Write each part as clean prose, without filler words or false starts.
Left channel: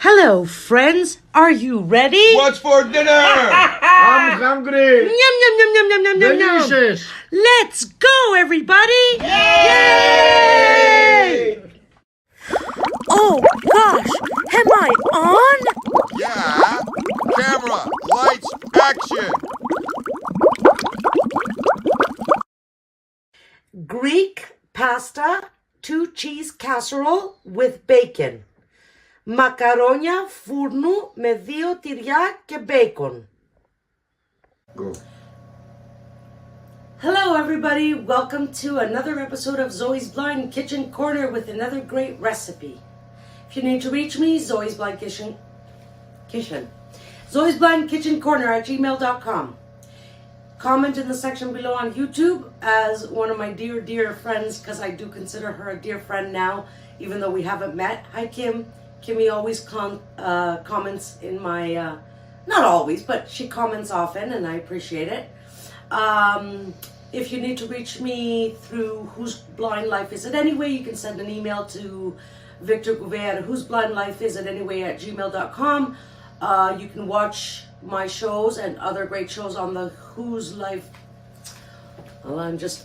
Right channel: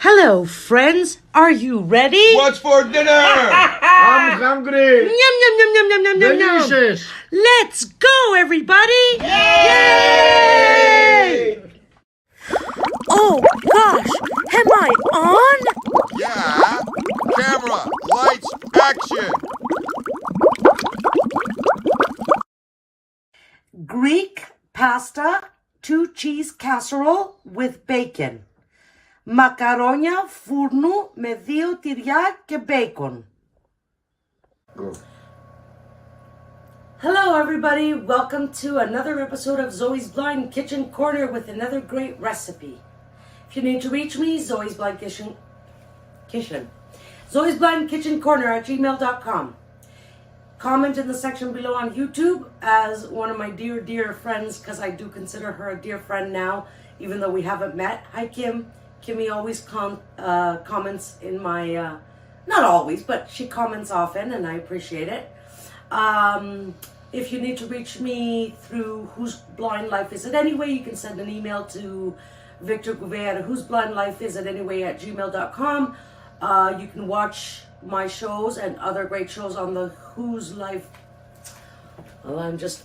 Hello, friends. Are you ready? What's for dinner? I'm hungry. Yum, yum, yum, yum, yum, yum, yum, yum. Delicious. Let's go, everybody. Yay! Oh, gosh. Am I on? Yeah. Camera, lights, action. Greek pasta, 2-cheese casserole with bacon. Μακαρόνια φούρνου με 2 τυριά και bacon. Go. Hello, everybody. Welcome to another episode of Zoe's Blind Kitchen Corner with another great recipe. If you need to reach me, Zoe's Blind Kitchen. Zoe's Blind Kitchen Corner at gmail.com. Comment in the section below on YouTube as one of my dear friends, because I do consider her a dear friend now, even though we haven't met. Hi, Kim. Kimmy always comments in my, not always, but she comments often, and I appreciate it. If you need to reach me through Whose Blind Life Is It Anyway, you can send an email to Victor Gouveia at whoseblindlifeisanyway@gmail.com. You can watch my shows and other great shows on the Whose Life. Well,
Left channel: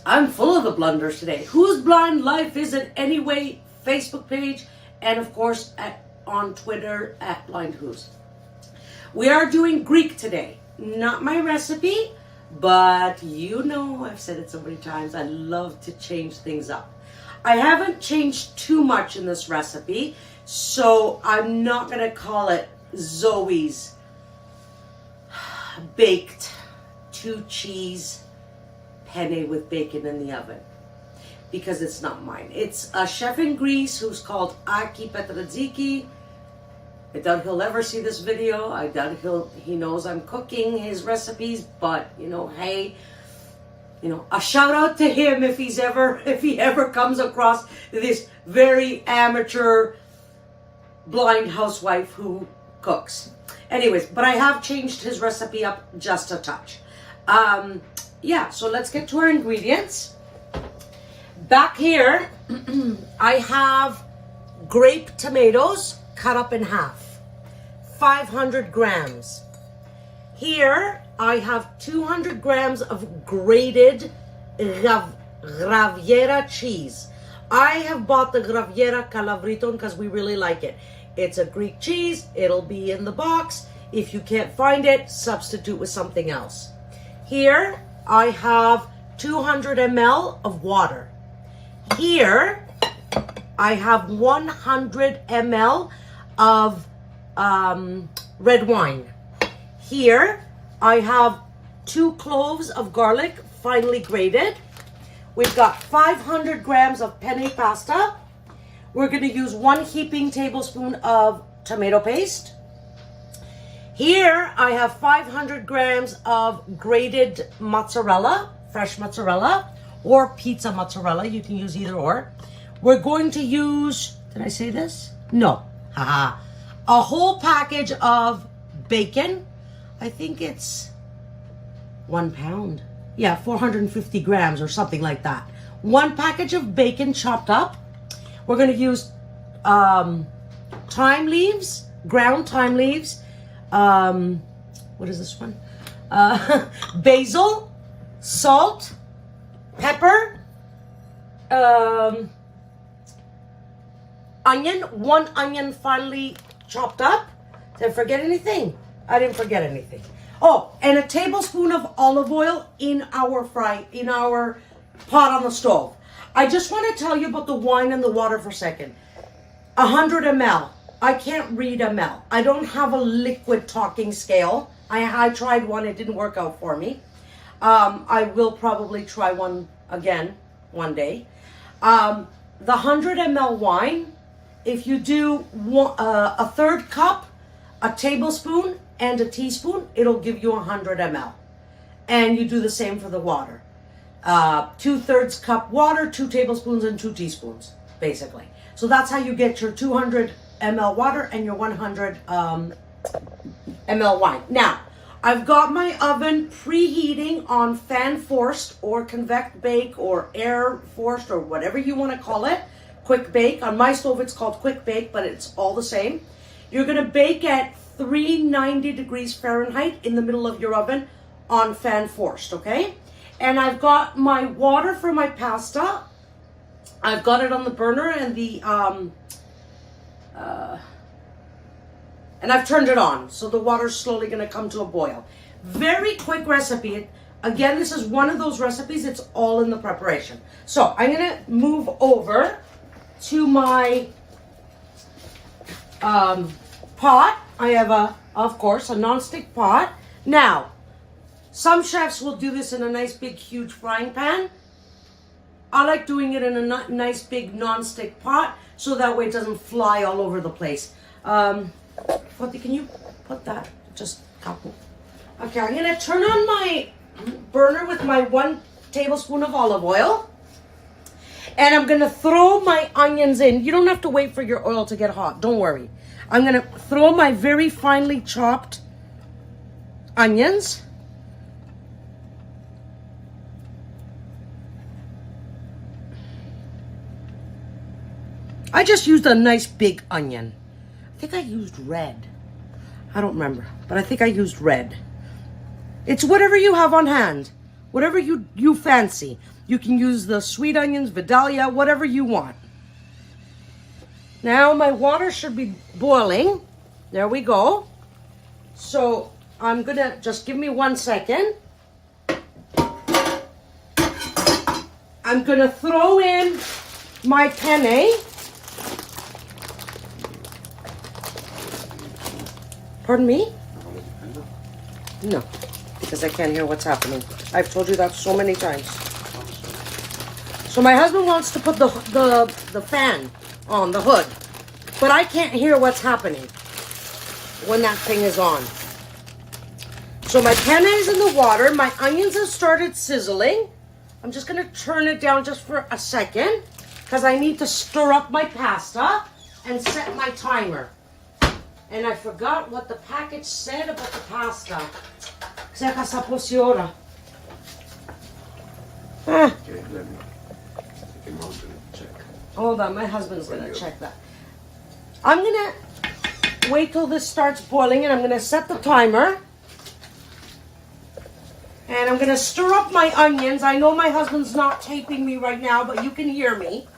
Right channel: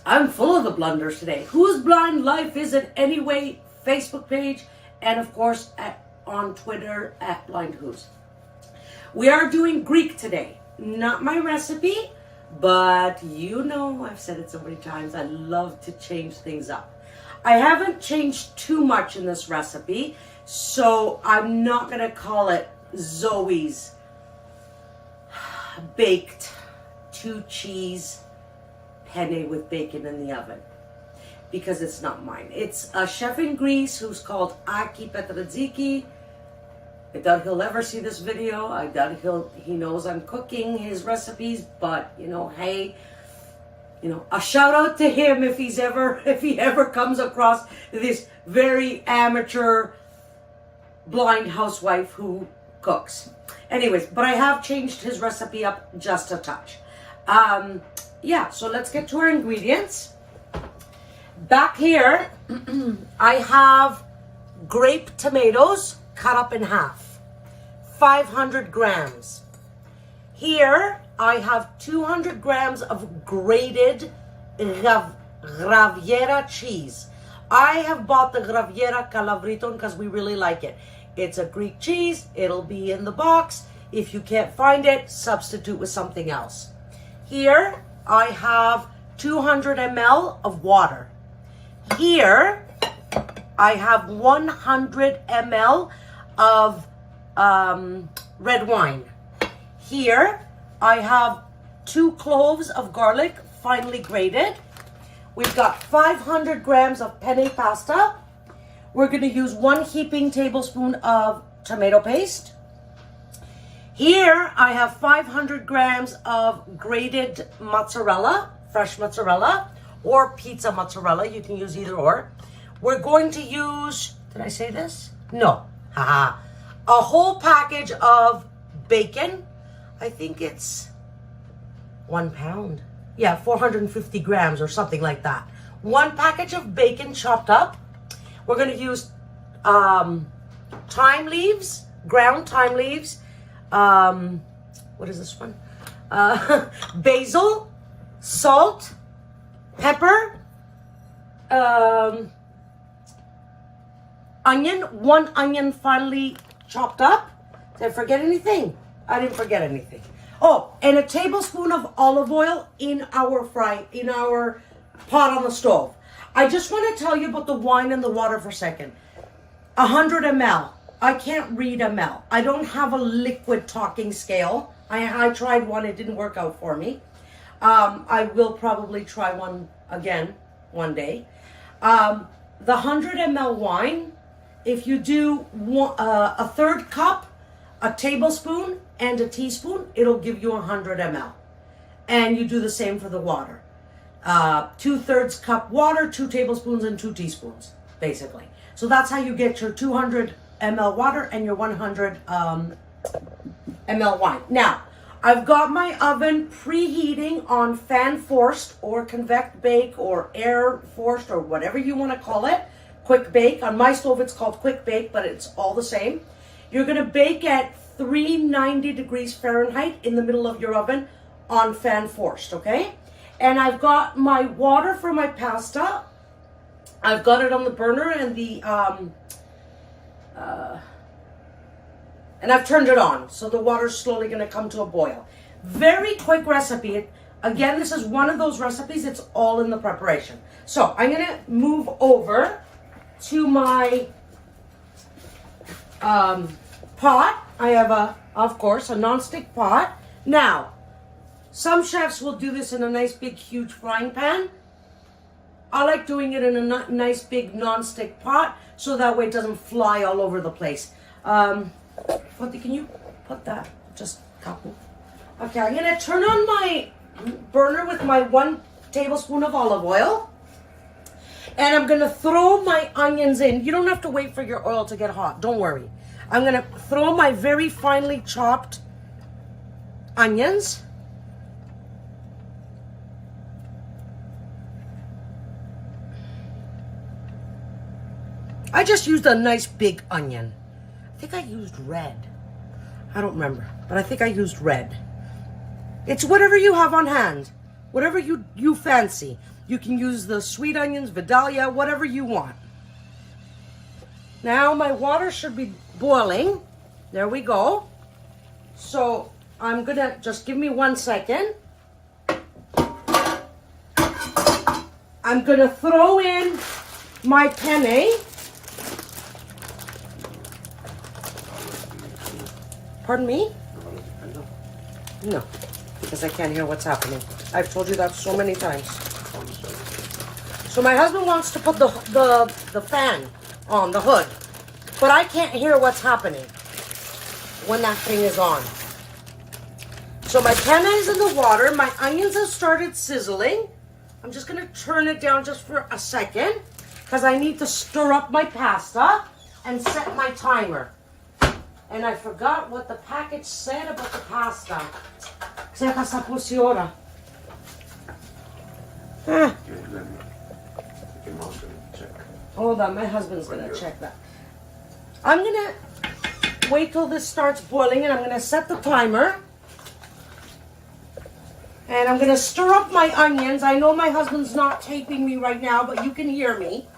I'm full of the blunders today. Whose Blind Life Is It Anyway Facebook page, and of course on Twitter at Blind Who's. We are doing Greek today. Not my recipe, but you know, I've said it so many times, I love to change things up. I haven't changed too much in this recipe, so I'm not going to call it Zoe's baked 2-cheese penne with bacon in the oven, because it's not mine. It's a chef in Greece who's called Aki Petradziki. I doubt he'll ever see this video. I doubt he knows I'm cooking his recipes, but you know, hey, you know, a shout out to him if he ever comes across this very amateur blind housewife who cooks. Anyways, but I have changed his recipe up just a touch. Yeah, so let's get to our ingredients. Back here, I have grape tomatoes cut up in half, 500 grams. Here, I have 200 grams of grated Graviera cheese. I have bought the Graviera Kalavrita because we really like it. It's a Greek cheese. It'll be in the box. If you can't find it, substitute with something else. Here, I have 200 ml of water. Here, I have 100 ml of red wine. Here, I have 2 cloves of garlic, finely grated. We've got 500 grams of penne pasta. We're going to use 1 heaping tablespoon of tomato paste. Here, I have 500 grams of grated mozzarella, fresh mozzarella, or pizza mozzarella. You can use either or. We're going to use, did I say this? No. Haha. A whole package of bacon. I think it's 1 pound. Yeah, 450 grams or something like that. 1 package of bacon chopped up. We're going to use thyme leaves, ground thyme leaves. What is this one? Basil, salt, pepper, onion, 1 onion finely chopped up. Did I forget anything? I didn't forget anything. Oh, and a tablespoon of olive oil in our pot on the stove. I just want to tell you about the wine and the water for a second. 100 ml. I can't read ml. I don't have a liquid talking scale. I tried one. It didn't work out for me. I will probably try one again one day. The 100 ml wine, if you do a third cup, a tablespoon, and a teaspoon, it'll give you 100 ml. And you do the same for the water. 2/3 cup water, 2 tablespoons, and 2 teaspoons, basically. So that's how you get your 200 ml water and your 100 ml wine. Now, I've got my oven preheating on fan forced or convect bake or air forced or whatever you want to call it. Quick bake. On my stove, it's called quick bake, but it's all the same. You're gonna bake at 390 degrees Fahrenheit in the middle of your oven on fan forced, okay? And I've got my water for my pasta. I've got it on the burner and and I've turned it on. So the water's slowly gonna come to a boil. Very quick recipe. Again, this is one of those recipes, it's all in the preparation. So I'm gonna move over to my pot. I have of course, a non-stick pot. Now, some chefs will do this in a nice big huge frying pan. I like doing it in a nice big non-stick pot so that way it doesn't fly all over the place. Foti, can you put that just a couple? Okay, I'm gonna turn on my burner with my 1 tablespoon of olive oil. And I'm gonna throw my onions in. You don't have to wait for your oil to get hot, don't worry. I'm gonna throw my very finely chopped onions. I just used a nice big onion. I think I used red. I don't remember, but I think I used red. It's whatever you have on hand, whatever you fancy. You can use the sweet onions, Vidalia, whatever you want. Now my water should be boiling. There we go. So I'm gonna, just give me 1 second. I'm gonna throw in my penne. Pardon me? No, because I can't hear what's happening. I've told you that so many times. So my husband wants to put the fan on the hood, but I can't hear what's happening when that thing is on. So my penne is in the water. My onions have started sizzling. I'm just gonna turn it down just for a second because I need to stir up my pasta and set my timer. And I forgot what the package said about the pasta. Ξέχασα πόση ώρα. Hold on, my husband's gonna check that. I'm gonna wait till this starts boiling and I'm gonna set the timer. And I'm gonna stir up my onions. I know my husband's not taping me right now, but you can hear me.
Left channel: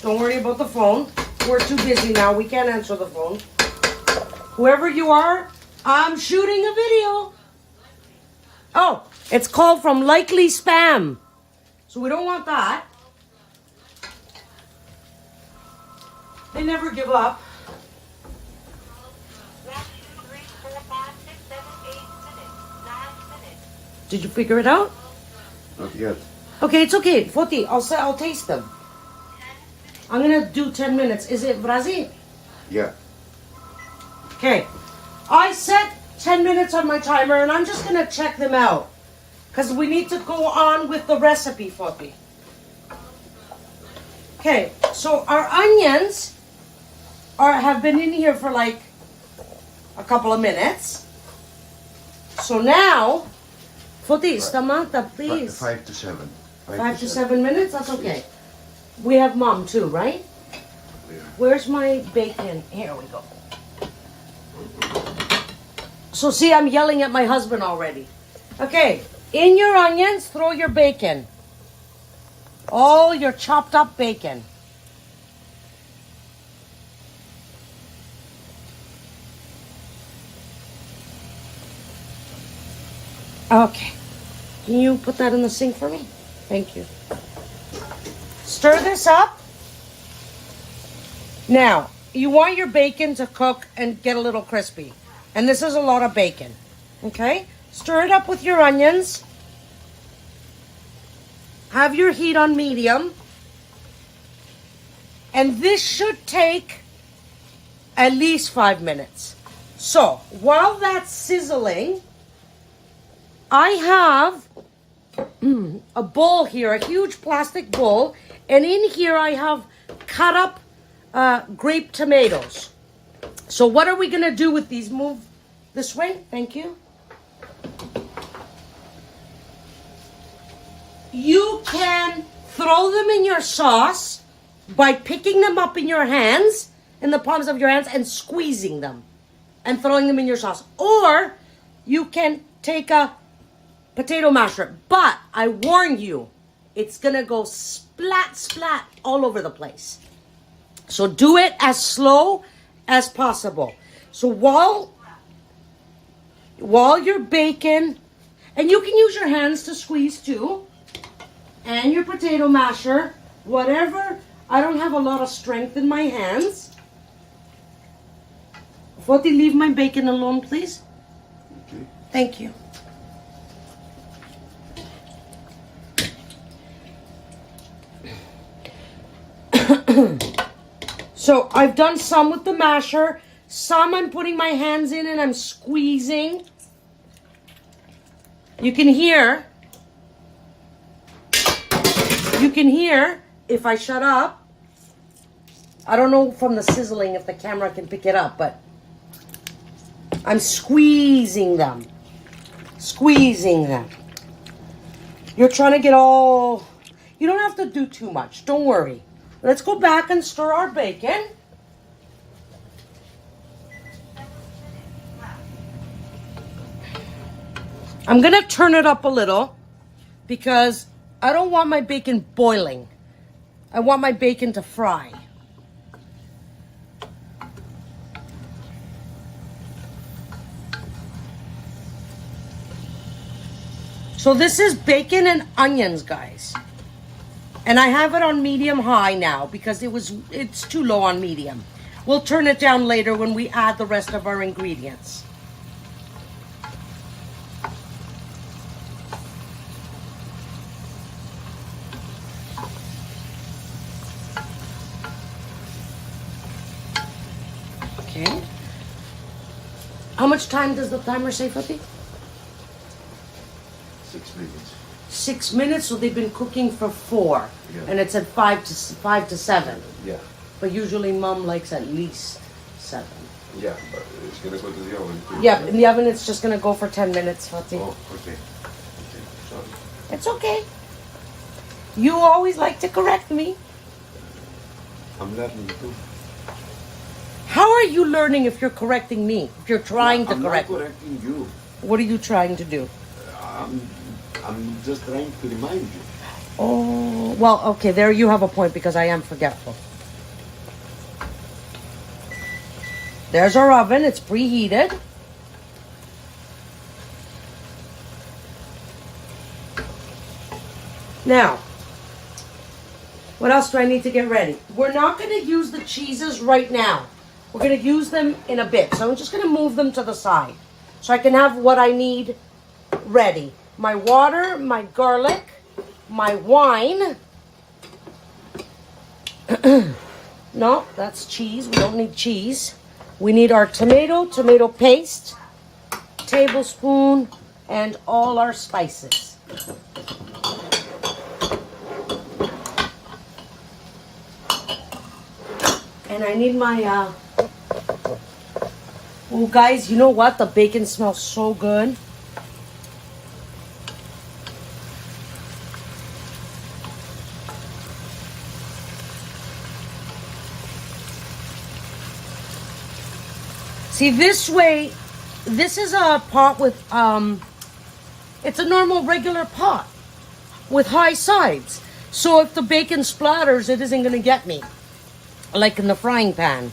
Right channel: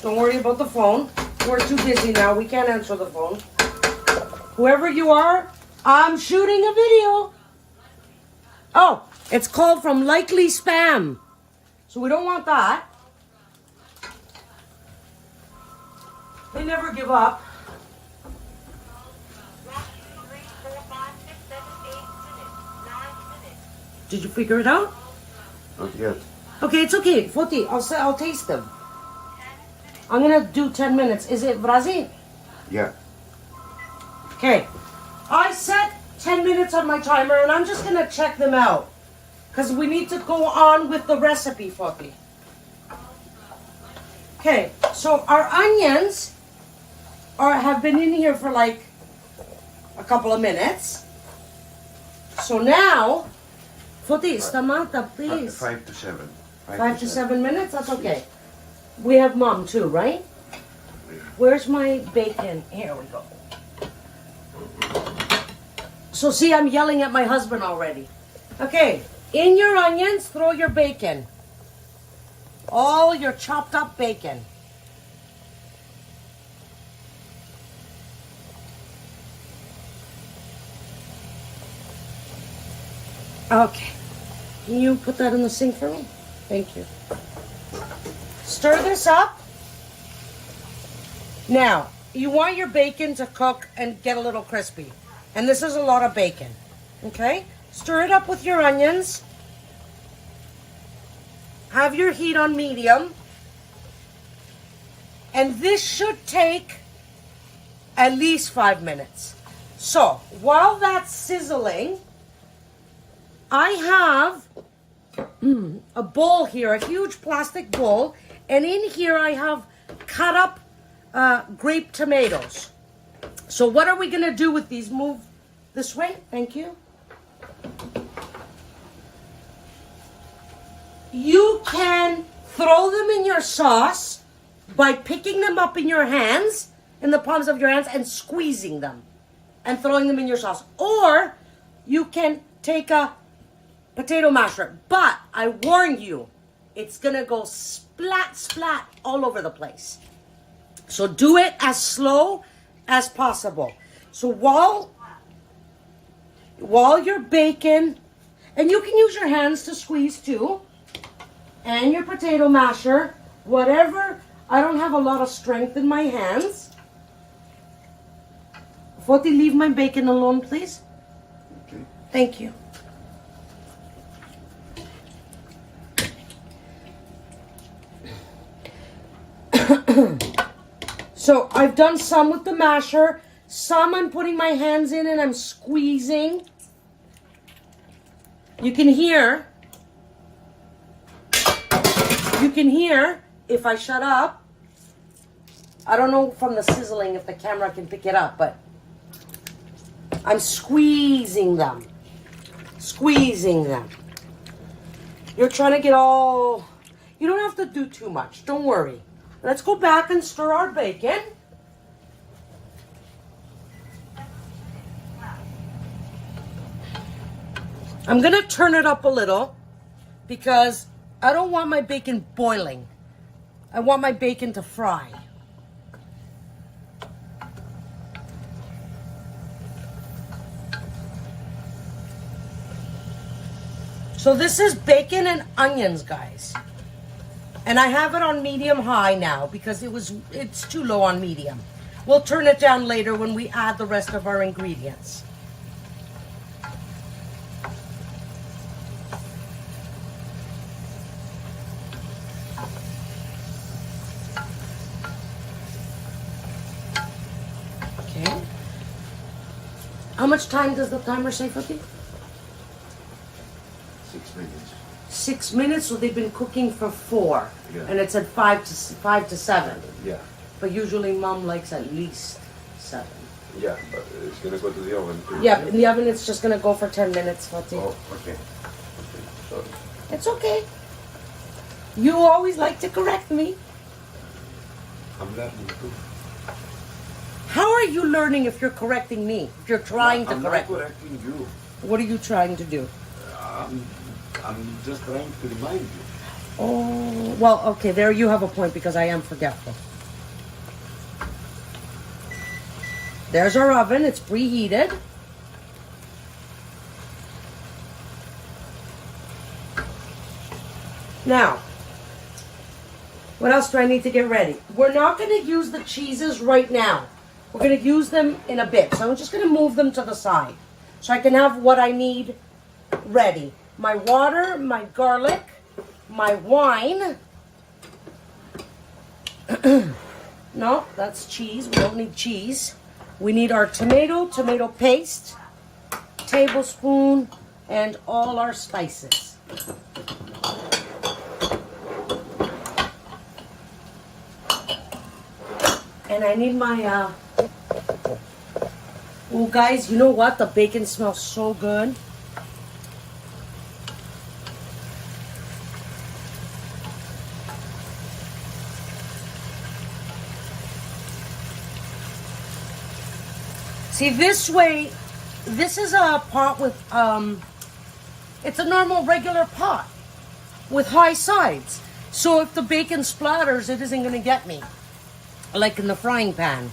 Don't worry about the phone. We're too busy now. We can't answer the phone. Whoever you are, I'm shooting a video. Oh, it's called from likely spam. So we don't want that. They never give up. 1, 2, 3, 4, 5, 6, 7, 8 minutes, 9 minutes. Did you figure it out? Not yet. Okay, it's okay. Foti, I'll taste them. I'm gonna do 10 minutes. Is it Brazil? Yeah. Okay. I set 10 minutes on my timer and I'm just gonna check them out. Because we need to go on with the recipe, Foti. Okay, so our onions have been in here for like a couple of minutes. So now, Foti, stamanta, please. 5 to 7. 5 to 7 minutes? That's okay. We have mom too, right? Where's my bacon? Here we go. So see, I'm yelling at my husband already. Okay, in your onions, throw your bacon. All your chopped up bacon. Okay. Can you put that in the sink for me? Thank you. Stir this up. Now, you want your bacon to cook and get a little crispy. And this is a lot of bacon. Okay? Stir it up with your onions. Have your heat on medium. And this should take at least 5 minutes. So, while that's sizzling, I have a bowl here, a huge plastic bowl. And in here I have cut up grape tomatoes. So what are we going to do with these? Move this way. Thank you. You can throw them in your sauce by picking them up in your hands, in the palms of your hands, and squeezing them and throwing them in your sauce. Or you can take a potato masher. But I warn you, it's going to go splat, splat all over the place. So do it as slow as possible. So while you're baking, and you can use your hands to squeeze too, and your potato masher, whatever. I don't have a lot of strength in my hands. Foti, leave my bacon alone, please. Okay. Thank you. So I've done some with the masher. Some I'm putting my hands in and I'm squeezing. You can hear if I shut up. I don't know from the sizzling if the camera can pick it up, but I'm squeezing them. Squeezing them. You're trying to get all... You don't have to do too much. Don't worry. Let's go back and stir our bacon. I'm going to turn it up a little because I don't want my bacon boiling. I want my bacon to fry. So this is bacon and onions, guys. And I have it on medium high now because it's too low on medium. We'll turn it down later when we add the rest of our ingredients. Okay. How much time does the timer say, Foti? 6 minutes. 6 minutes, so they've been cooking for 4. Yeah. And it's at 5 to 7. Yeah. But usually Mom likes at least 7. Yeah, but it's gonna go to the oven too. Yeah, in the oven it's just gonna go for 10 minutes, Fati. Oh, okay. Okay. Sorry. It's okay. You always like to correct me. I'm learning too. How are you learning if you're correcting me? If you're trying to correct I'm me? not correcting you. What are you trying to do? I'm just trying to remind you. Oh, well, okay, there you have a point because I am forgetful. There's our oven. It's preheated. Now, what else do I need to get ready? We're not going to use the cheeses right now. We're going to use them in a bit. So I'm just going to move them to the side so I can have what I need ready. My water, my garlic, my wine. No, that's cheese. We don't need cheese. We need our tomato paste, tablespoon, and all our spices. And I need my, oh guys, you know what? The bacon smells so good. See, this way, this is a pot with, it's a normal regular pot with high sides. So if the bacon splatters, it isn't going to get me, like in the frying pan.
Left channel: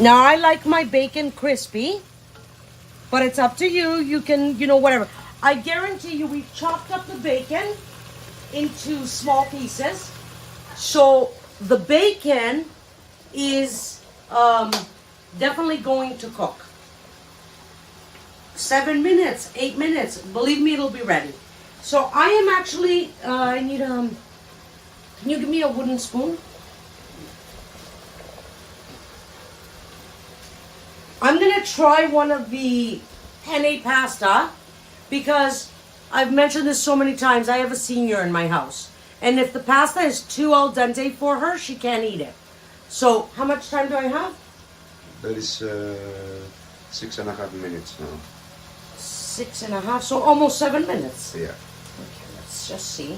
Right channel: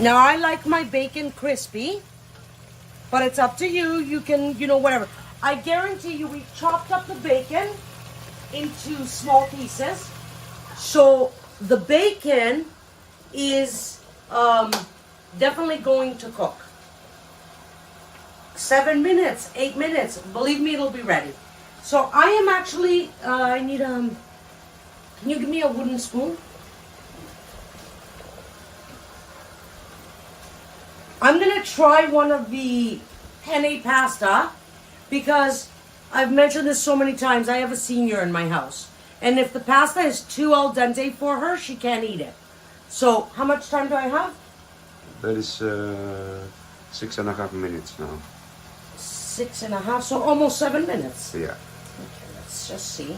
Now, I like my bacon crispy, but it's up to you. You can, you know, whatever. I guarantee you we've chopped up the bacon into small pieces. So the bacon is definitely going to cook. 7 minutes, 8 minutes. Believe me, it'll be ready. So I am actually, I need, can you give me a wooden spoon? I'm going to try one of the penne pasta because I've mentioned this so many times. I have a senior in my house. And if the pasta is too al dente for her, she can't eat it. So how much time do I have? That is 6.5 minutes now. 6.5, so almost 7 minutes. Yeah. Okay, let's just see.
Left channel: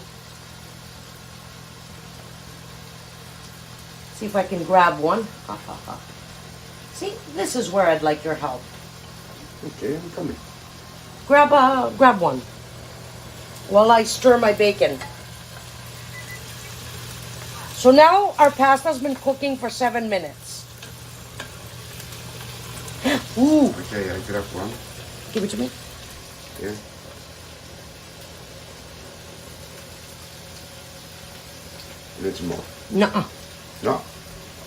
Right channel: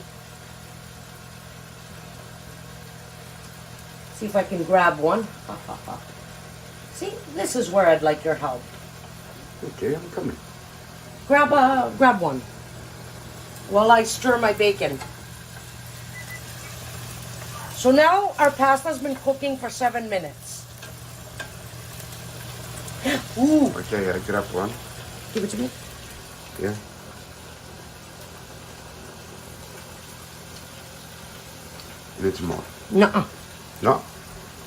See if I can grab one. See, this is where I'd like your help. Okay, I'm coming. Grab one while I stir my bacon. So now our pasta's been cooking for 7 minutes. Ooh, Okay, I grab one. give it to me. Yeah. It's more. Nuh-uh. No?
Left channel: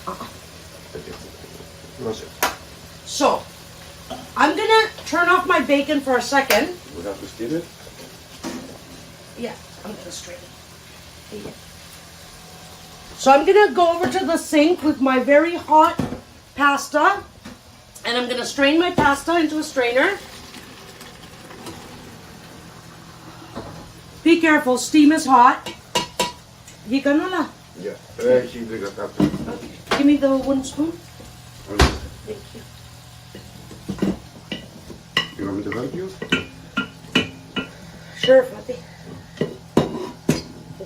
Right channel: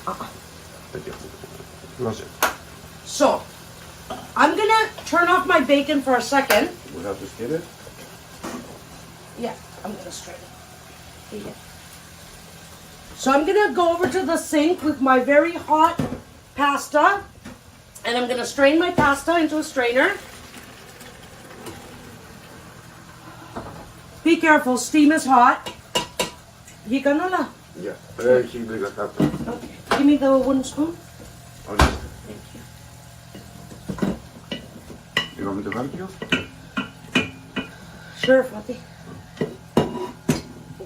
Uh-uh. Okay. No, sir. So, I'm gonna turn off my bacon for a second. We have to stir it? Yeah, I'm gonna strain it. Yeah. So I'm gonna go over to the sink with my very hot pasta, and I'm gonna strain my pasta into a strainer. Be careful, steam is hot. Hika na la. Yeah. Very simply like that. Okay. Give me the wooden spoon. Only. Thank you. You want me to help you? Sure, Fatih.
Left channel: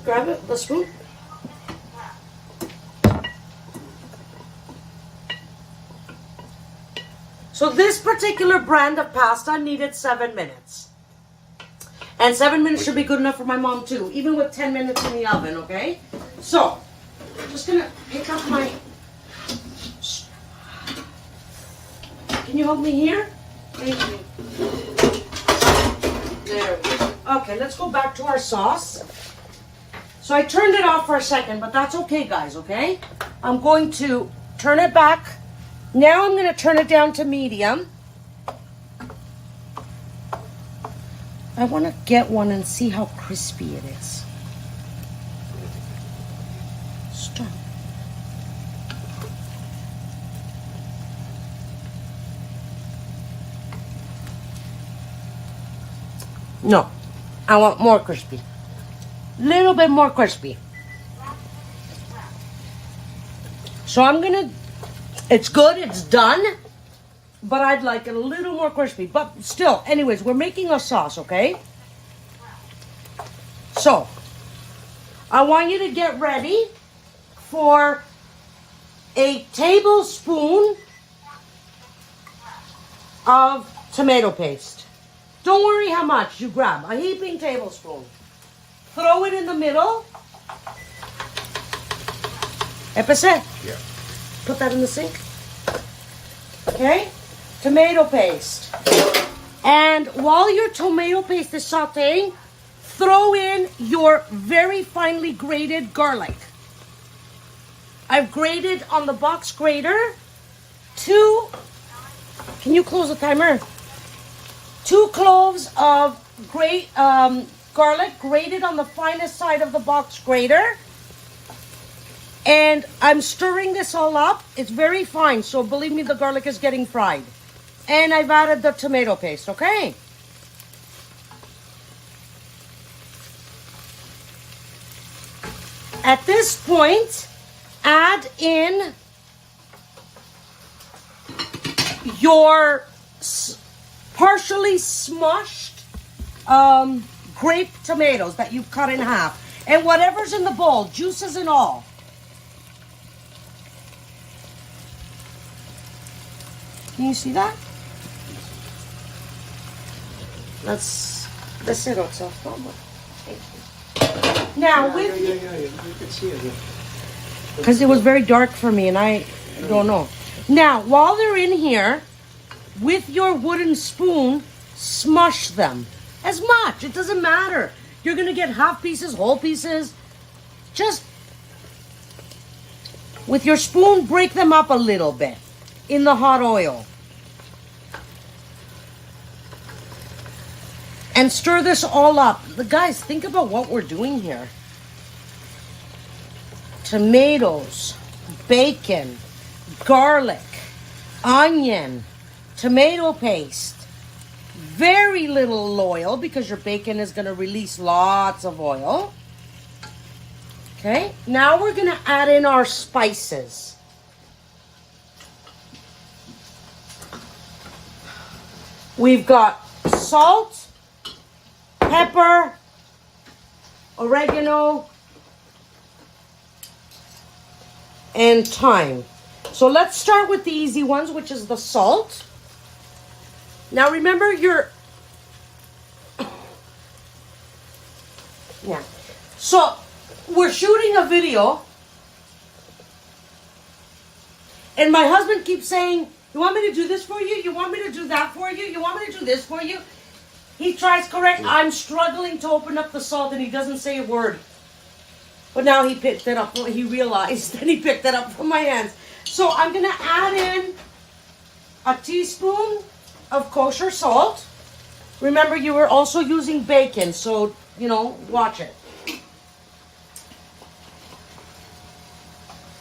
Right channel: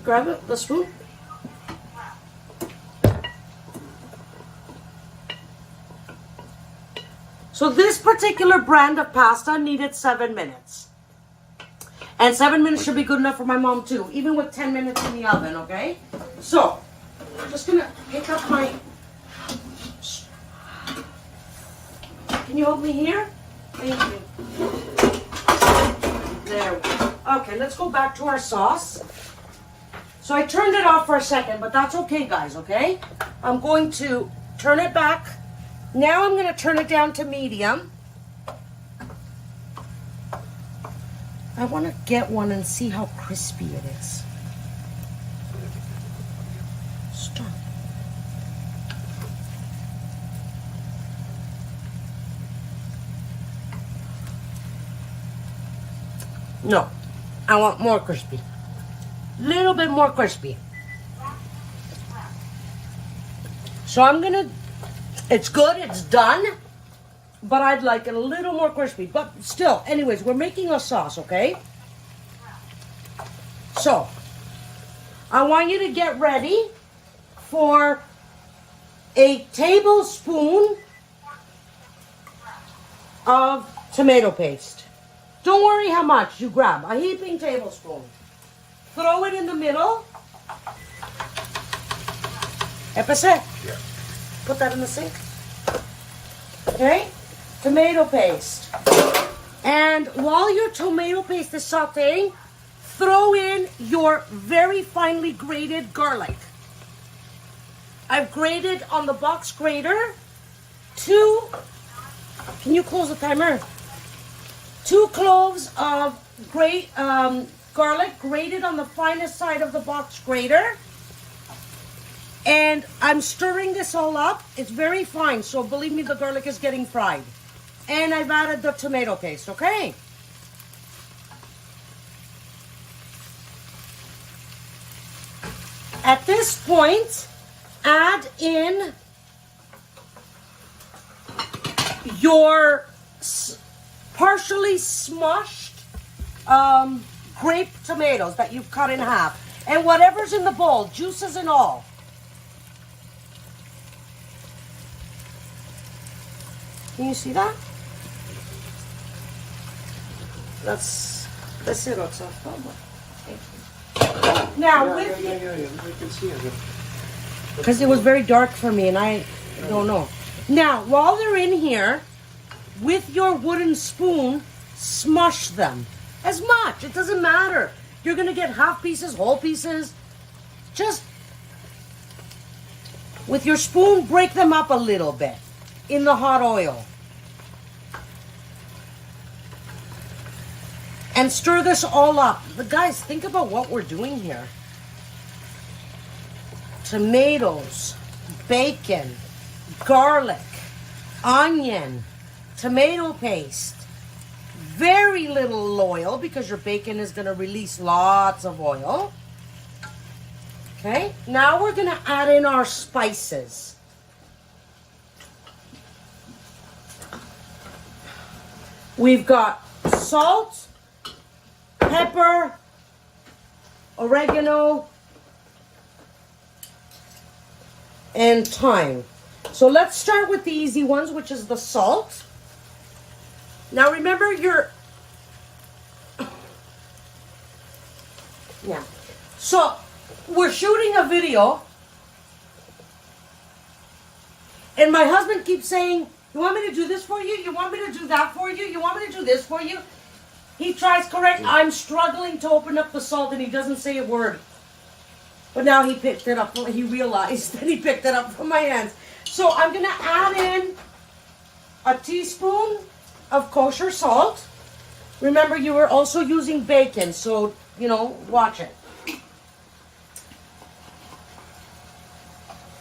Grab it, the spoon. So this particular brand of pasta needed 7 minutes. And 7 minutes should be good enough for my mom too, even with 10 minutes in the oven, okay? So, I'm just gonna pick up my... Can you hold me here? Thank you. There we go. Okay, let's go back to our sauce. So I turned it off for a second, but that's okay, guys, okay? I'm going to turn it back. Now I'm going to turn it down to medium. I want to get one and see how crispy it is. Stir. No, I want more crispy. Little bit more crispy. So I'm gonna, it's good, it's done, but I'd like it a little more crispy. But still, anyways, we're making a sauce, okay? So, I want you to get ready for a tablespoon of tomato paste. Don't worry how much you grab, a heaping tablespoon. Throw it in the middle. Epicet. Yeah. Put that in the sink. Okay? Tomato paste. And while your tomato paste is sauteing, throw in your very finely grated garlic. I've grated on the box grater 2, can you close the timer? 2 cloves of garlic grated on the finest side of the box grater. And I'm stirring this all up. It's very fine, so believe me, the garlic is getting fried. And I've added the tomato paste, okay? At this point, add in your partially smushed grape tomatoes that you've cut in half. And whatever's in the bowl, juices and all. Can you see that? That's it, Oxa. Now, Yeah, I can see it. because it was very dark for me and I don't know. Now, while they're in here, with your wooden spoon, smush them. As much. It doesn't matter. You're going to get half pieces, whole pieces. Just, with your spoon, break them up a little bit in the hot oil. And stir this all up. But guys, think about what we're doing here. Tomatoes, bacon, garlic, onion, tomato paste. Very little oil because your bacon is going to release lots of oil. Okay, now we're going to add in our spices. We've got salt, pepper, oregano, and thyme. So let's start with the easy ones, which is the salt. Now remember yeah. So we're shooting a video and my husband keeps saying, you want me to do this for you? You want me to do that for you? You want me to do this for you? He tries correct. I'm struggling to open up the salt and he doesn't say a word. But now he picked it up. He realized that he picked it up from my hands. So I'm going to add in a teaspoon of kosher salt. Remember, you were also using bacon, so, you know, watch it.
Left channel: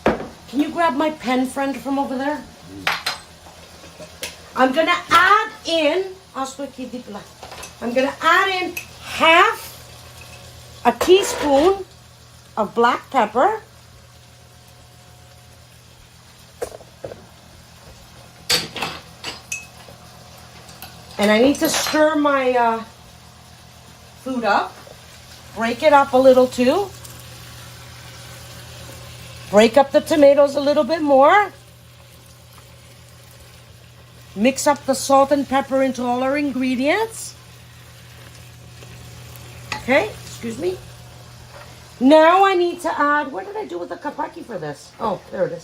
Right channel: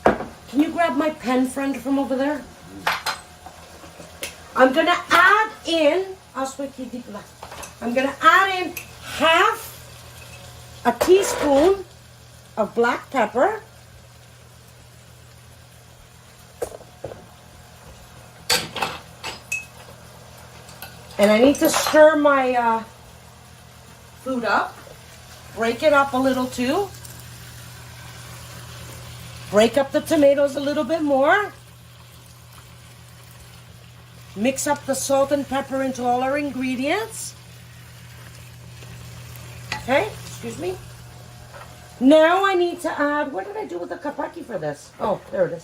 Can you grab my pen, friend, from over there? I'm going to add in, I'm going to add in half a teaspoon of black pepper. And I need to stir my food up. Break it up a little too. Break up the tomatoes a little bit more. Mix up the salt and pepper into all our ingredients. Okay, excuse me. Now I need to add, what did I do with the kapaki for this? Oh, there it is.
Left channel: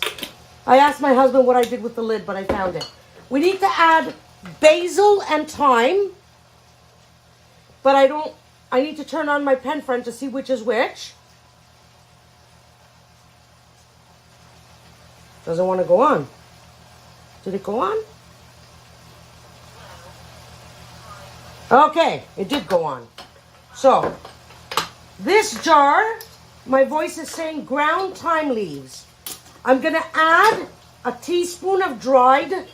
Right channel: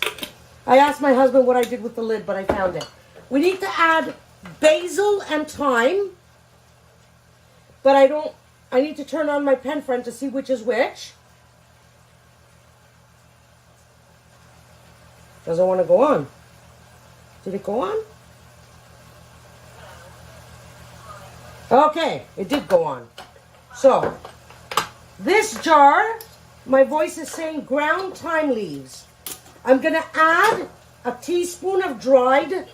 I asked my husband what I did with the lid, but I found it. We need to add basil and thyme. But I need to turn on my pen, friend, to see which is which. Doesn't want to go on. Did it go on? Okay, it did go on. So, this jar, my voice is saying ground thyme leaves. I'm going to add a teaspoon of dried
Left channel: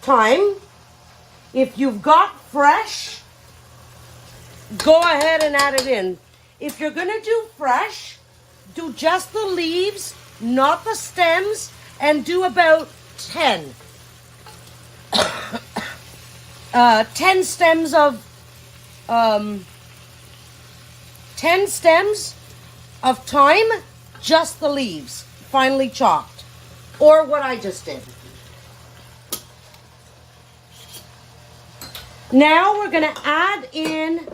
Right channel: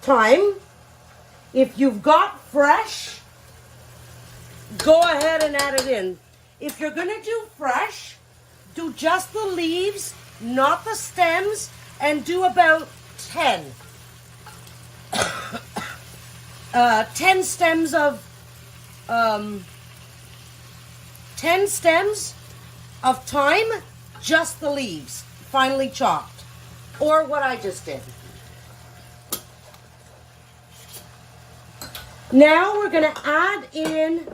thyme. If you've got fresh, go ahead and add it in. If you're going to do fresh, do just the leaves, not the stems, and do about 10. 10 stems of 10 stems of thyme, just the leaves, finely chopped, or what I just did. Now we're going to add in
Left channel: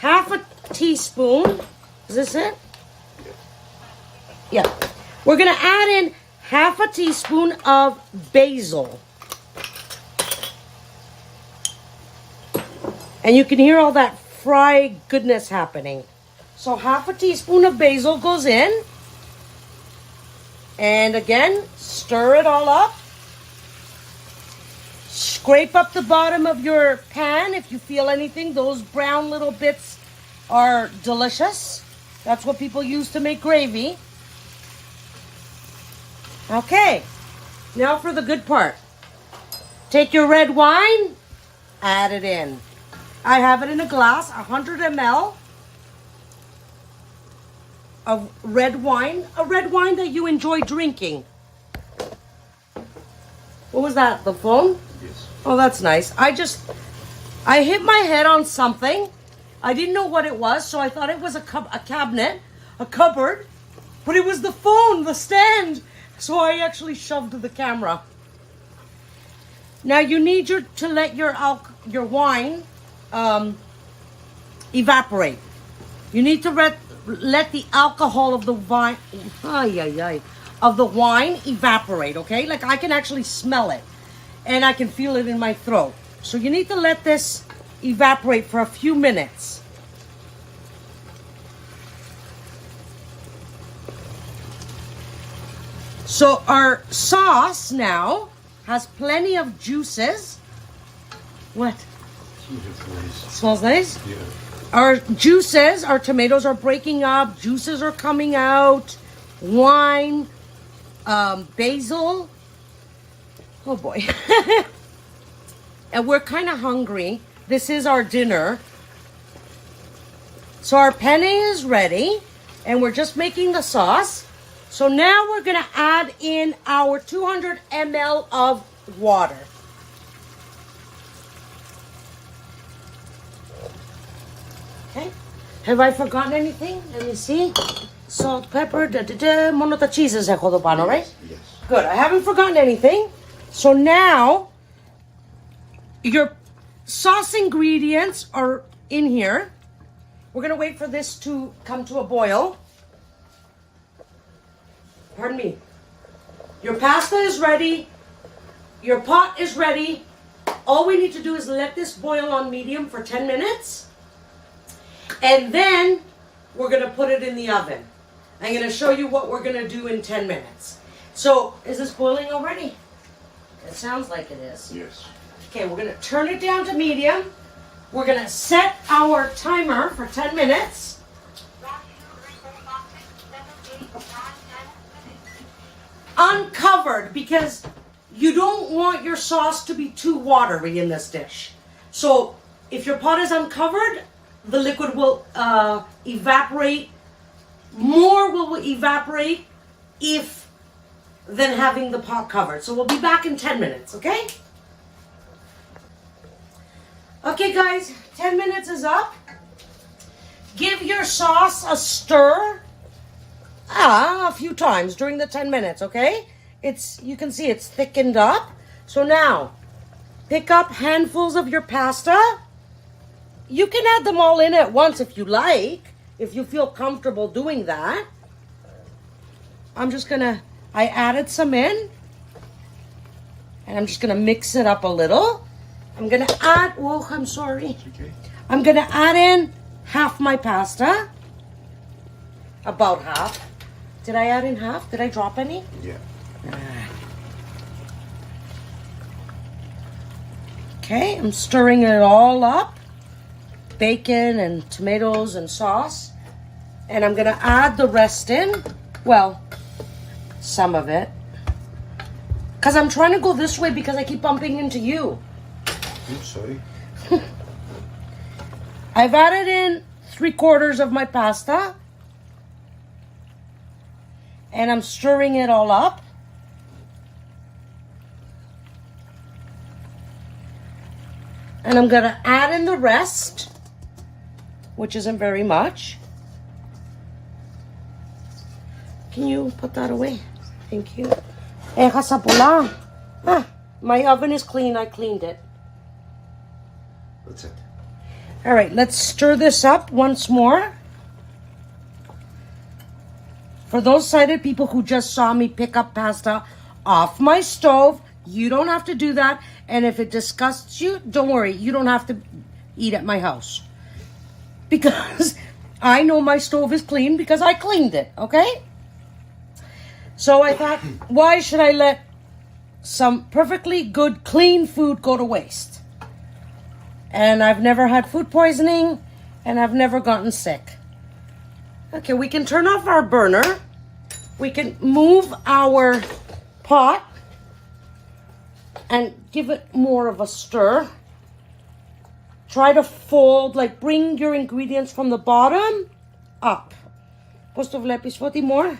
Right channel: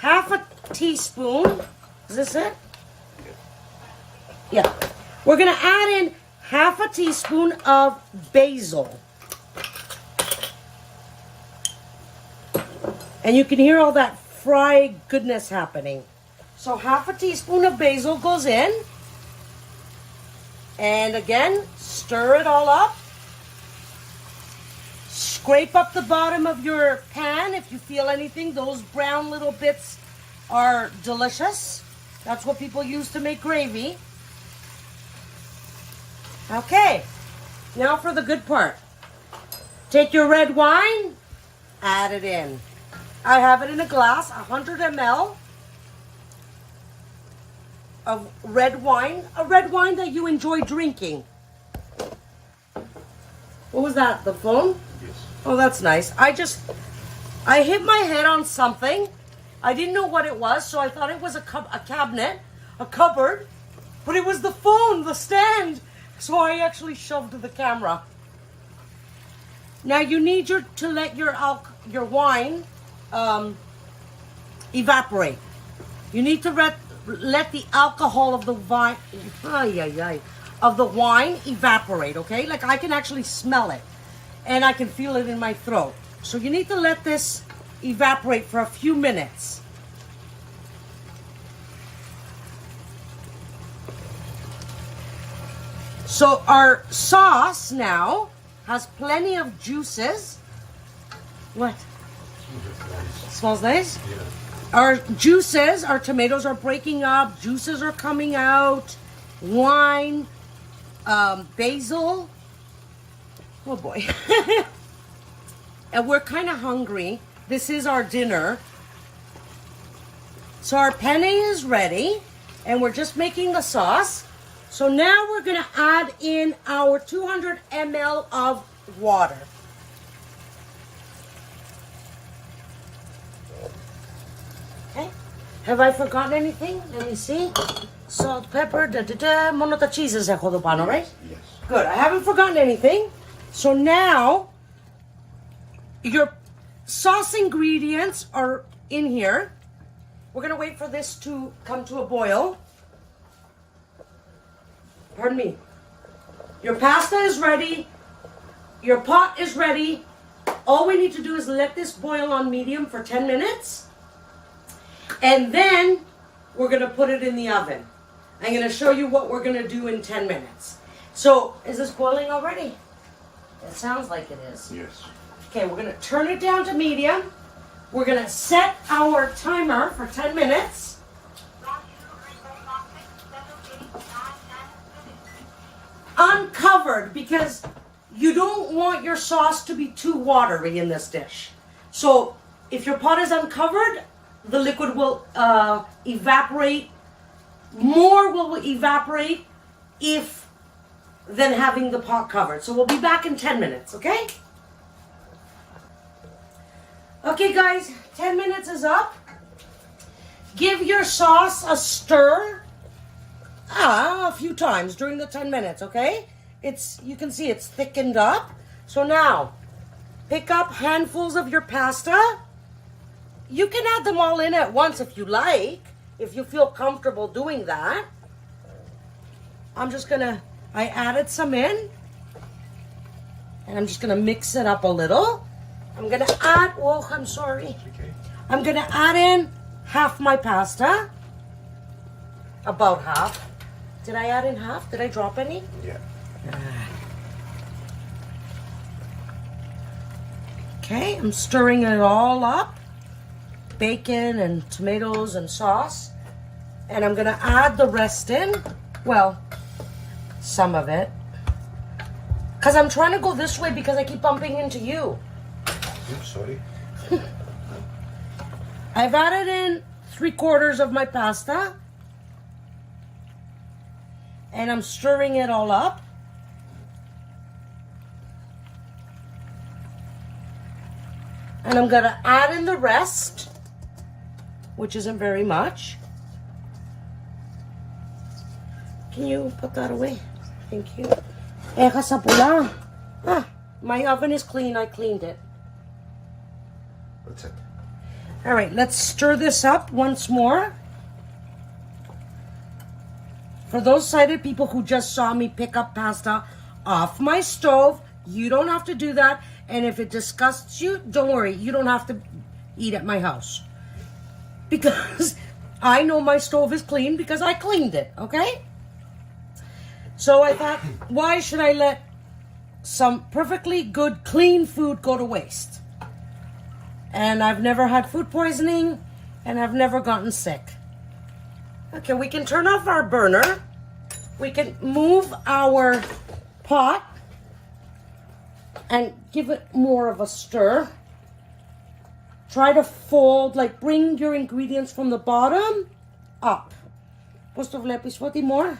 half a teaspoon. Is this it? Yeah. We're going to add in half a teaspoon of basil. And you can hear all that fried goodness happening. So half a teaspoon of basil goes in. And again, stir it all up. Scrape up the bottom of your pan if you feel anything. Those brown little bits are delicious. That's what people use to make gravy. Okay, now for the good part. Take your red wine, add it in. I have it in a glass, 100 ml of red wine. A red wine that you enjoy drinking. What was that, the phone? Yes. Oh, that's nice. I hit my head on something. I didn't know what it was, so I thought it was a cabinet, a cupboard. But it was the phone, the stand. So I actually shoved the camera. Now you need to let your wine evaporate. You need to let the alcohol of the wine evaporate, okay? Like I can actually smell it and I can feel it in my throat. So you need to let this evaporate for a few minutes. So our sauce now has plenty of juices. What? Smells nice? Yeah. Our juices, our tomatoes are breaking up, juices are coming out, wine, basil. Oh boy. And we're kind of hungry. This is our dinner. So our penne is ready and we're just making the sauce. So now we're going to add in our 200 ml of water. Okay. Have I forgotten anything? Let me see. Salt, pepper, Mono ta cheeses έχω εδώ πάνω, right? Yes. Good. I haven't forgotten anything. So now, your sauce ingredients are in here. We're going to wait for this to come to a boil. Pardon me. Your pasta is ready. Your pot is ready. All we need to do is let this boil on medium for 10 minutes. And then we're going to put it in the oven. I'm going to show you what we're going to do in 10 minutes. So, is this boiling already? It sounds like it is. Yes. Okay, we're going to turn it down to medium. We're going to set our timer for 10 minutes. Uncovered, because you don't want your sauce to be too watery in this dish. So if your pot is uncovered, the liquid will evaporate. More will evaporate if than having the pot covered. So we'll be back in 10 minutes, okay? Okay guys, 10 minutes is up. Give your sauce a stir. A few times during the 10 minutes, okay? You can see it's thickened up. So now, pick up handfuls of your pasta. You can add them all in at once if you like, if you feel comfortable doing that. I added some in, and I'm just gonna mix it up a little. I'm gonna add, oh, I'm sorry. Okay. I'm gonna add in half my pasta, about half. Did I add in half? Did I drop any? Yeah. Okay, I'm stirring it all up. Bacon and tomatoes and sauce. And I'm gonna add the rest in. Well, some of it. Because I'm trying to go this way because I keep bumping into you. I'm sorry. I've added in 3/4 of my pasta. And I'm stirring it all up. And I'm going to add in the rest, which isn't very much. Can you put that away? Thank you. My oven is clean. I cleaned it. That's it. All right, let's stir this up once more. For those sighted people who just saw me pick up pasta off my stove, you don't have to do that. And if it disgusts you, don't worry. You don't have to eat at my house. Because I know my stove is clean because I cleaned it, okay? So I thought, why should I let some perfectly good, clean food go to waste? And I've never had food poisoning, and I've never gotten sick. Okay, we can turn off our burner. We can move our pot and give it more of a stir. Try to fold, like bring your ingredients from the bottom up. Πώς το βλέπεις, Φώτη, more?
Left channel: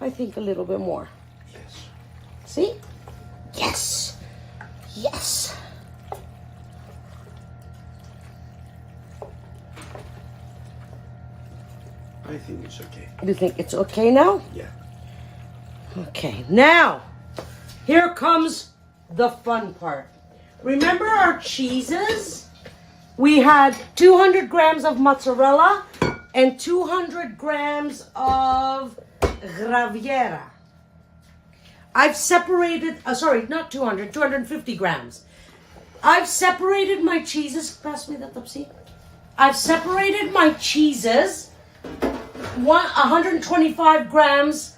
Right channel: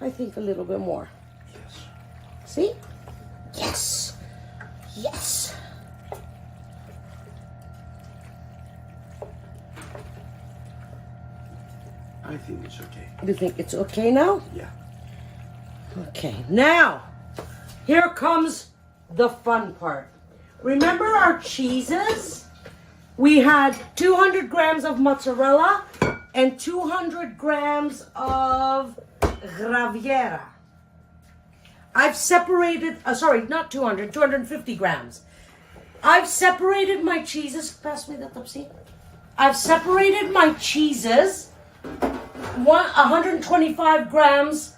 I think a little bit more. Yes. See? Yes. Yes. I think it's okay. You think it's okay now? Yeah. Okay, now, here comes the fun part. Remember our cheeses? We had 200 grams of mozzarella and 200 grams of Graviera. I've separated, sorry, not 200, 250 grams. I've separated my cheeses. Pass me the Topsy. I've separated my cheeses. 125 grams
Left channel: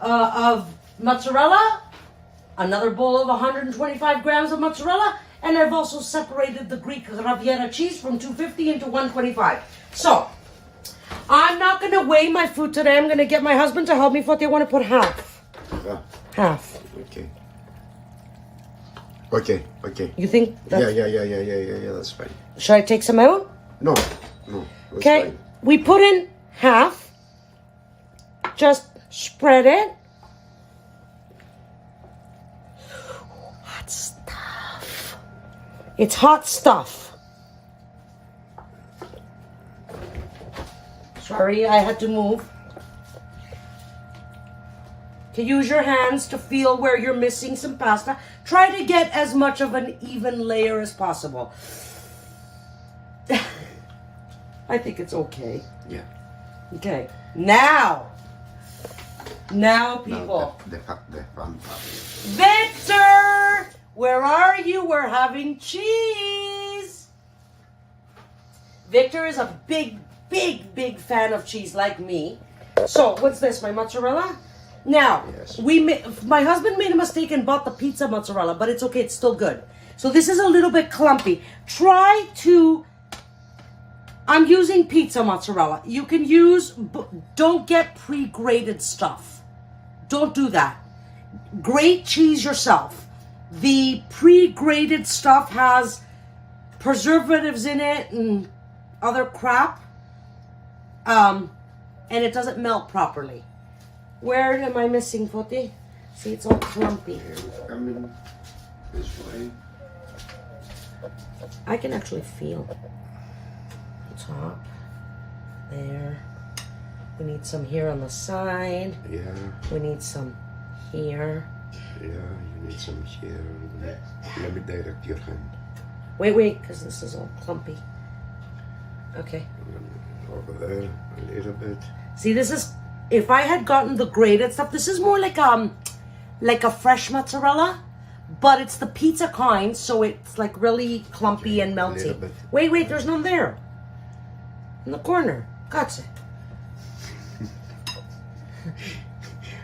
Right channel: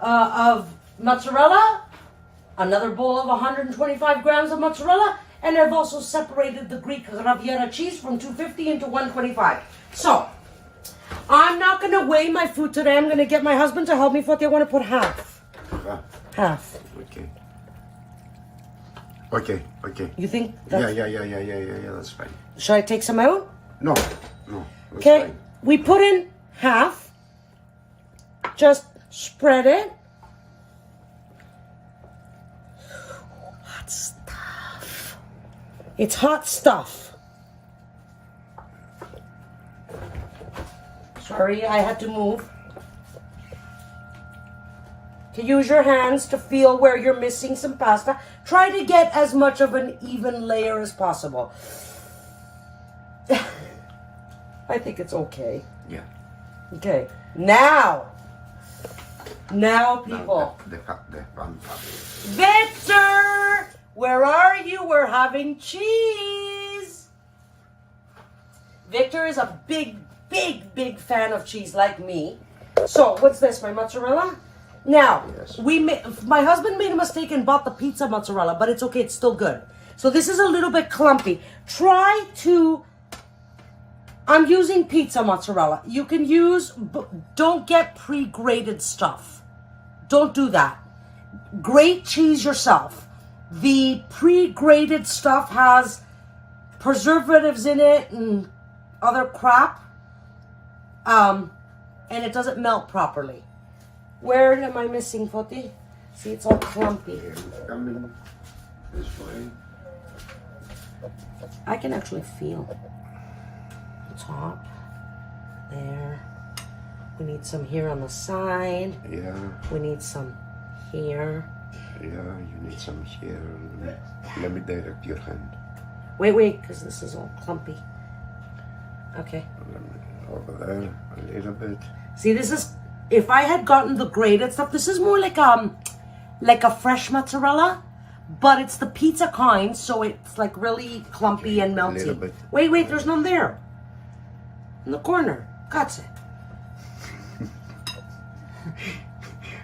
of mozzarella, another bowl of 125 grams of mozzarella, and I've also separated the Greek Graviera cheese from 250 into 125. So, I'm not going to weigh my food today. I'm going to get my husband to help me. I want to put half. Half. Okay. Okay. Okay. You think that's... Yeah. That's fine. Should I take some out? No. That's Okay. fine. We put in half. Just spread it. Hot stuff. It's hot stuff. Sorry, I had to move. To use your hands to feel where you're missing some pasta. Try to get as much of an even layer as possible. I think it's okay. Yeah. Okay. Now, people. The fun part. Victor! Where are you? We're having cheese. Victor is a big fan of cheese like me. So, what's this? My mozzarella? Now, Yes. my husband made a mistake and bought the pizza mozzarella, but it's okay. It's still good. So this is a little bit clumpy. I'm using pizza mozzarella. You can use, don't get pre-grated stuff. Don't do that. Grate cheese yourself. The pre-grated stuff has preservatives in it and other crap. And it doesn't melt properly. Where am I missing, Foti? See, it's all clumpy. Coming this way. I can actually feel the top there. We need some here on the side. Yeah. We need some here. Yeah, you need some here. Let me direct your hand. Wait, because this is all clumpy. Okay. Over there, a little bit. See, this is, if I had gotten the grated stuff, this is more like a fresh mozzarella, but it's the pizza kind, so it's like really clumpy and A little melty. bit. Wait, there's none there. In the corner. Got it.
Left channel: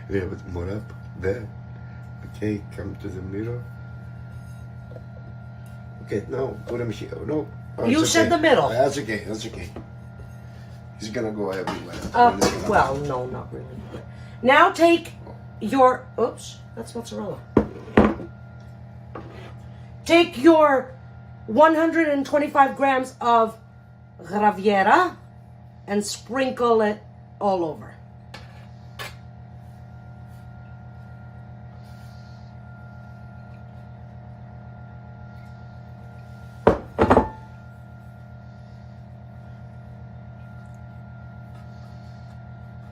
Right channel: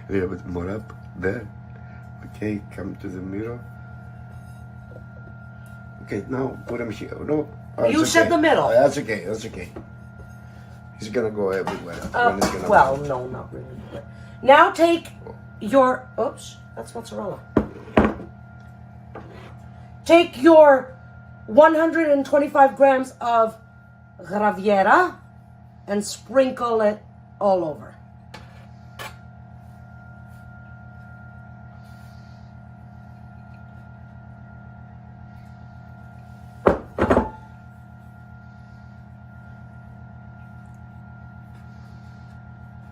A little bit more up there. Okay, come to the middle. Okay, now put him here. No, You that's said okay. the middle. That's okay. That's okay. He's gonna go everywhere. Well, no, not really. Now take your, oops, that's mozzarella. Take your 125 grams of Graviera and sprinkle it all over.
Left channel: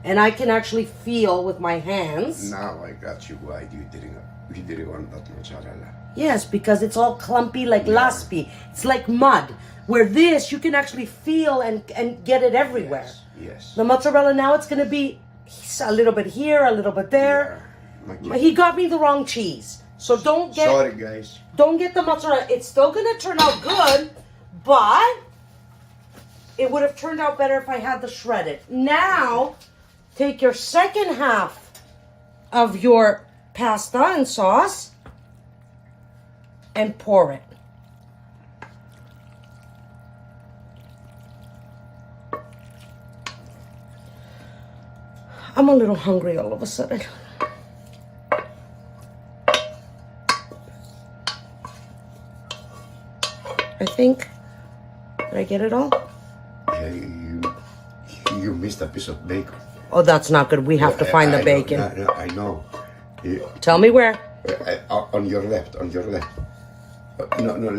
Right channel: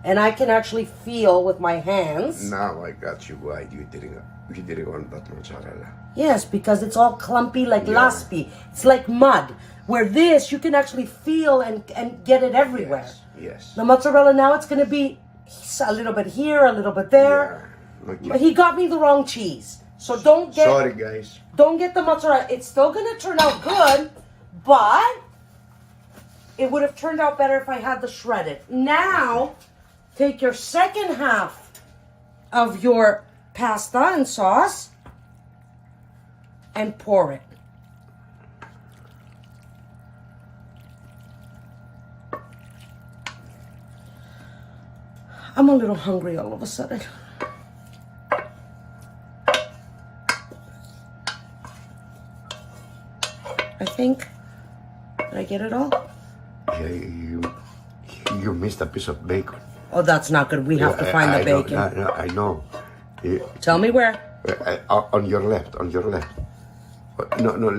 And I can actually feel with my hands. Now I got you. Why you didn't want that mozzarella? Yes, because it's all clumpy like laspi. It's like mud. Where this, you can actually feel and get it everywhere. Yes. The mozzarella now, it's going to be a little bit here, a little bit there. Okay. He got me the wrong cheese. So don't Sorry, guys. get the mozzarella. It's still going to turn out good, but it would have turned out better if I had the shredded. Now, take your second half of your pasta and sauce and pour it. I'm a little hungry all of a sudden. I think. Did I get it all? Hey, you missed a piece of bacon. Oh, that's not good. We have to find the bacon. I know. Tell me where. On your left. No,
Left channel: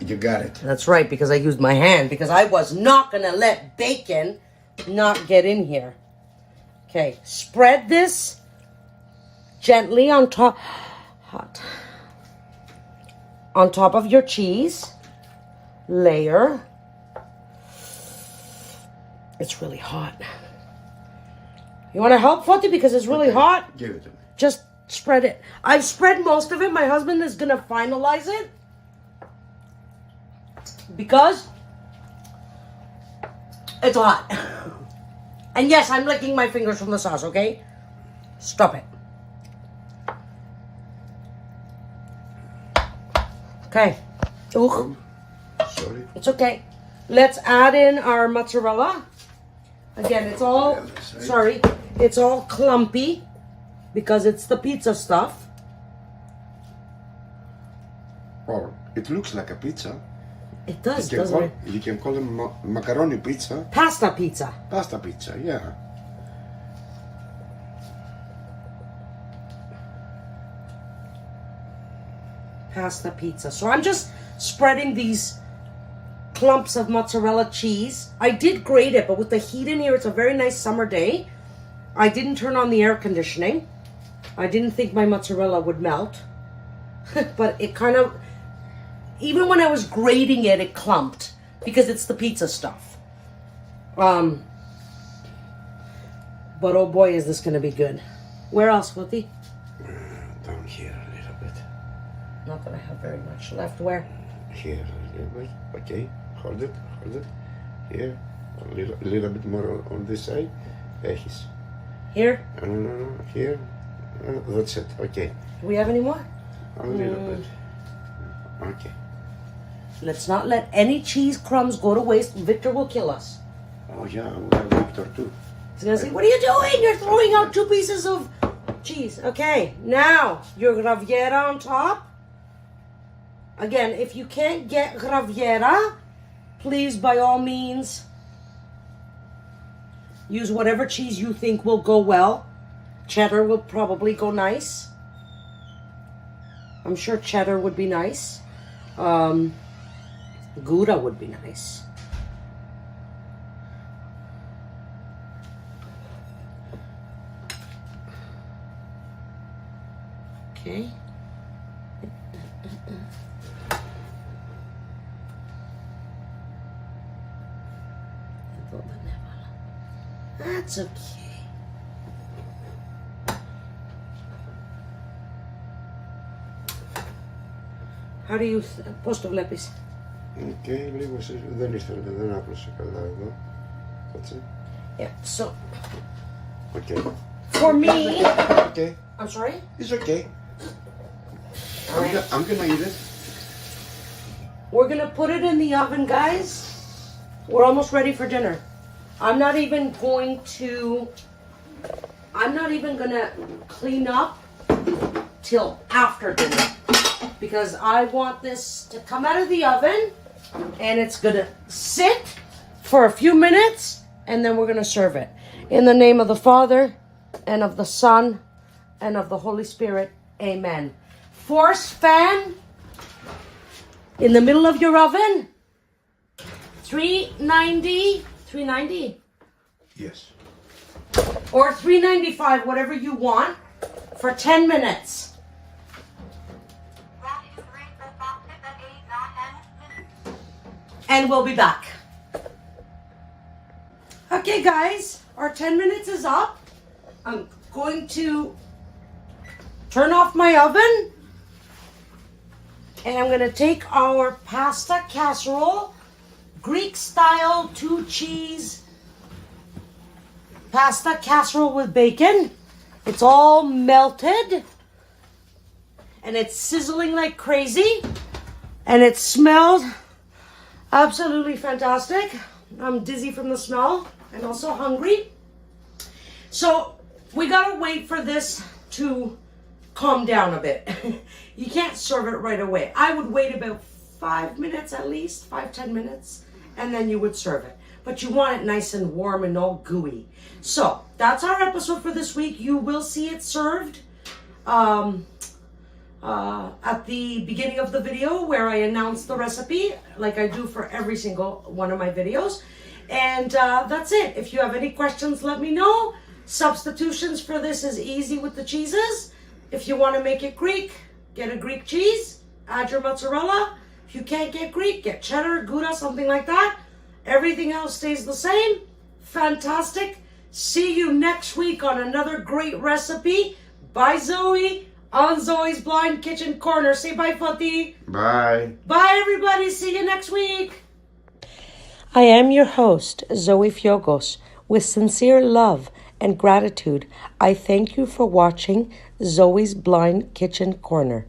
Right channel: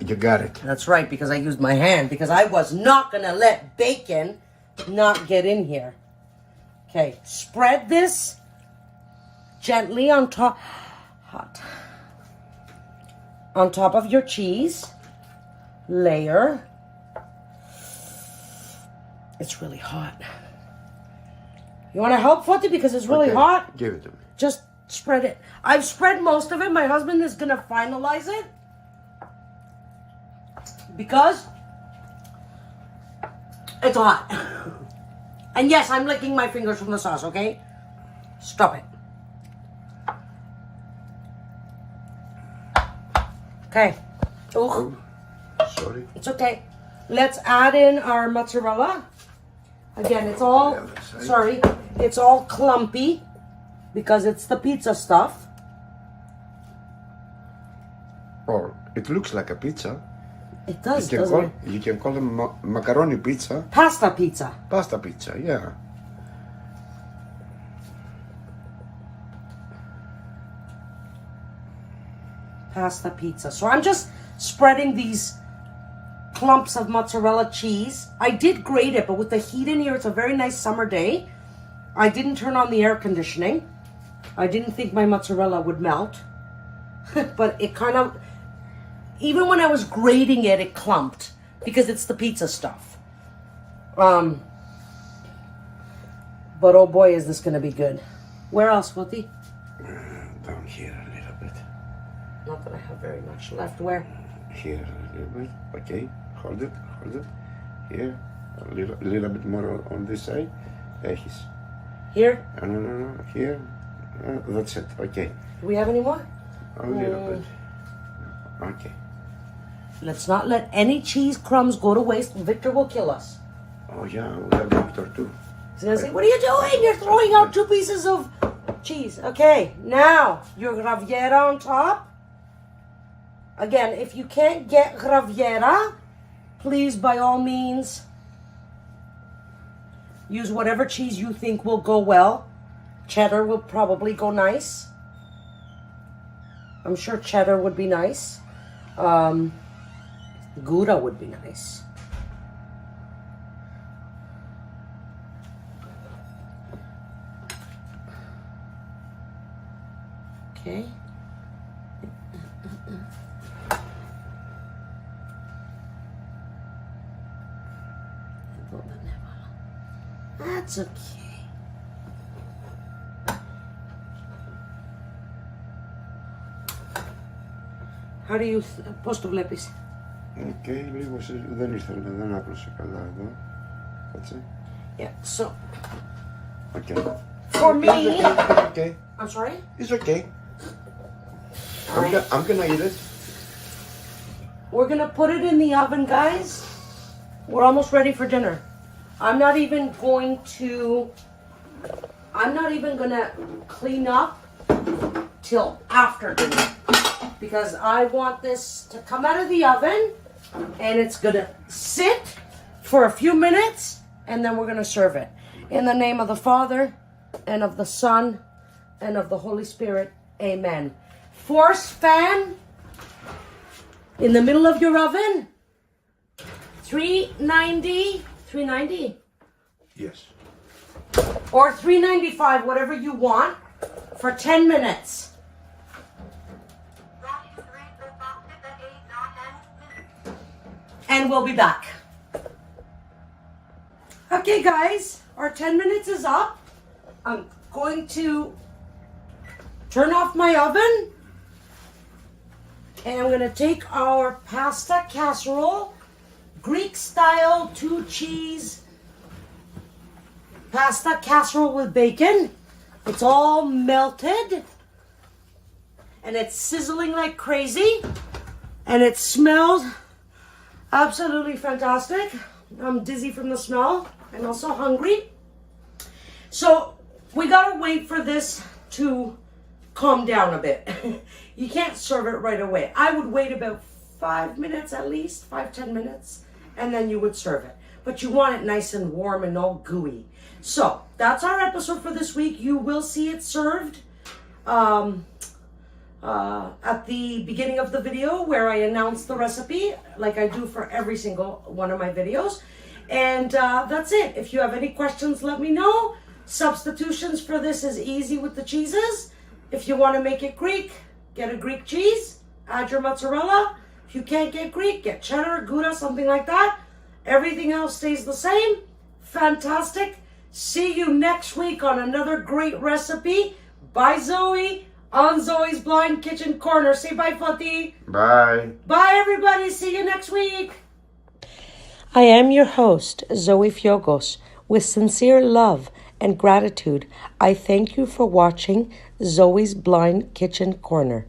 you got it. That's right, because I used my hand, because I was not going to let bacon not get in here. Okay, spread this gently on top. Hot. On top of your cheese. Layer. It's really hot. You want to help, Foti? Because it's really hot. Give it to me. Just spread it. I've spread most of it. My husband is going to finalize it. Because it's hot. And yes, I'm licking my fingers from the sauce, okay? Stop it. Okay. Ooh, Sorry. it's okay. Let's add in our mozzarella. Again, it's all, sorry, it's all clumpy because it's the pizza stuff. Or it looks like a pizza. It does, doesn't it? You can call it macaroni pizza. Pasta pizza. Pasta pizza, yeah. Pasta pizza. So I'm just spreading these clumps of mozzarella cheese. I did grate it, but with the heat in here, it's a very nice summer day. I didn't turn on the air conditioning. I didn't think my mozzarella would melt. But it kind of, even when I was grating it, it clumped because it's the pizza stuff. But oh boy, is this going to be good. Where else, Foti? Down here a little bit. Not that I have very much left. Where? Here a little bit. Okay. Hold it. Here. A little bit more on this side. Έχεις. Here? No. Here. That's it. Okay. Do we have any more? A little bit. Okay. Let's not let any cheese crumbs go to waste. Victor will kill us. Oh yeah, we have Victor too. He's gonna say, what are you doing? You're throwing out 2 pieces of cheese. Okay, now your graviera on top. Again, if you can't get graviera, please, by all means, use whatever cheese you think will go well. Cheddar will probably go nice. I'm sure cheddar would be nice. Gouda would be nice. Okay. That's okay. How do you, πώς το βλέπεις? Okay, λίγο δεν ήρθε, δεν άπλωσε καλά εδώ. Έτσι. Yeah, so Okay. for me, Okay. I'm sorry? It's okay. Alright. I'm gonna eat it. We're gonna put it in the oven, guys. We're almost ready for dinner. I'm not even gonna clean up till after dinner because I want this to come out of the oven and it's gonna sit for a few minutes and then we're gonna serve it. In the name of the Father and of the Son and of the Holy Spirit, amen. Force fan in the middle of your oven, 390, Yes. or 395, whatever you want, for 10 minutes. And we'll be back. Okay, guys, our 10 minutes is up. I'm going to turn off my oven. And I'm going to take our pasta casserole, Greek style 2 cheese pasta casserole with bacon. It's all melted. And it's sizzling like crazy. And it smells absolutely fantastic. I'm dizzy from the smell. I'm also hungry. So we gotta wait for this to calm down a bit. You can't serve it right away. I would wait about 5 minutes at least, 5-10 minutes, and then you would serve it. But you want it nice and warm and all gooey. So that's our episode for this week. You will see it served at the beginning of the video where I announce the recipe, like I do for every single one of my videos. And that's it. If you have any questions, let me know. Substitutions for this is easy with the cheeses. If you want to make it Greek, get a Greek cheese, add your mozzarella. If you can't get Greek, get cheddar, Gouda, something like that. Everything else stays the same. Fantastic. See you next week on another great recipe. Bye, Zoe, on Zoe's Blind Kitchen Corner. Say bye, Fati. Bye. Bye, everybody. See you next week. I am your host, Zoe Fiogos. With sincere love and gratitude, I thank you for watching Zoe's Blind Kitchen Corner.